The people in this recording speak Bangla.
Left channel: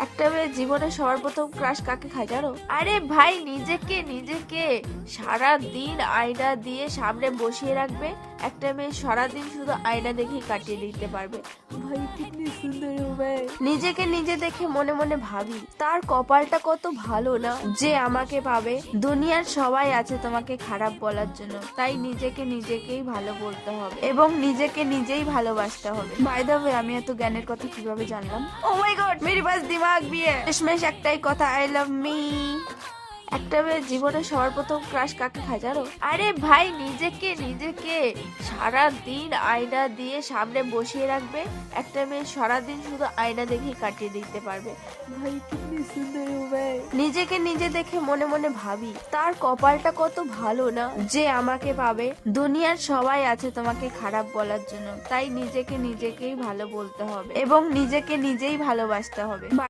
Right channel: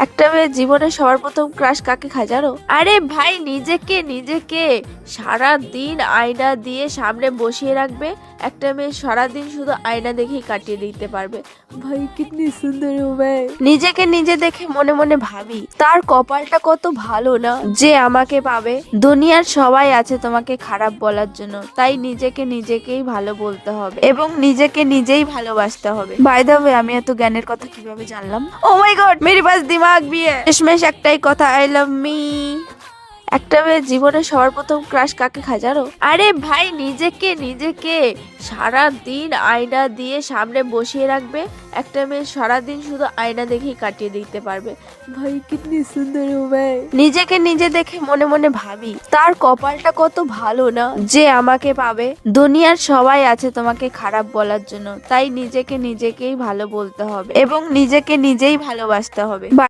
একটা মেয়ের জীবনে সবার প্রথম ক্রাশ কাকে খায় জানো? আরে ভাই, নিজেকে নিজেকে সারা দিন আয়না দিয়ে সামনে বসিয়ে রাখবে। একটা মেয়ে সারাদিন শুধু আয়না দেখেই কাটিয়ে দিতে পারবে। ভাই কিতনি সুন্দর হো ভাই। নিজেকে নিজে দেখে মনে মনে ভাবি, তার কপালটা কত ভালো না যে আমাকে পাবে। দুনিয়ার সবাই আছে তোমাকে খারাপ বলার জন্য, তাই নিজেকে নিজেকেই ভালো বলতে হবে এবং নিজেকে নিজেই ভালোবাসতে হবে। বাই দ্য ওয়ে, আমি এত জ্ঞানের কথা কিভাবে জানলাম? ও মাই গড, মেরে পাস দিমাগ भी है। শেষমেশ একটাই কথা, আই লাভ মি। একটা মেয়ের জীবনে সবার প্রথম ক্রাশ কাকে খায় জানো? আরে ভাই, নিজেকে নিজেকে সারা দিন আয়না দিয়ে সামনে বসিয়ে রাখবে। একটা মেয়ে সারাদিন শুধু আয়না দেখেই কাটিয়ে দিতে পারবে। ভাই কিতনি সুন্দর হো ভাই। নিজেকে নিজে দেখে মনে মনে ভাবি, তার কপালটা কত ভালো না যে আমাকে পাবে। দুনিয়ার সবাই আছে তোমাকে খারাপ বলার জন্য, তাই নিজেকে নিজেকেই ভালো বলতে হবে এবং নিজেকে নিজেই ভালোবাসতে হবে।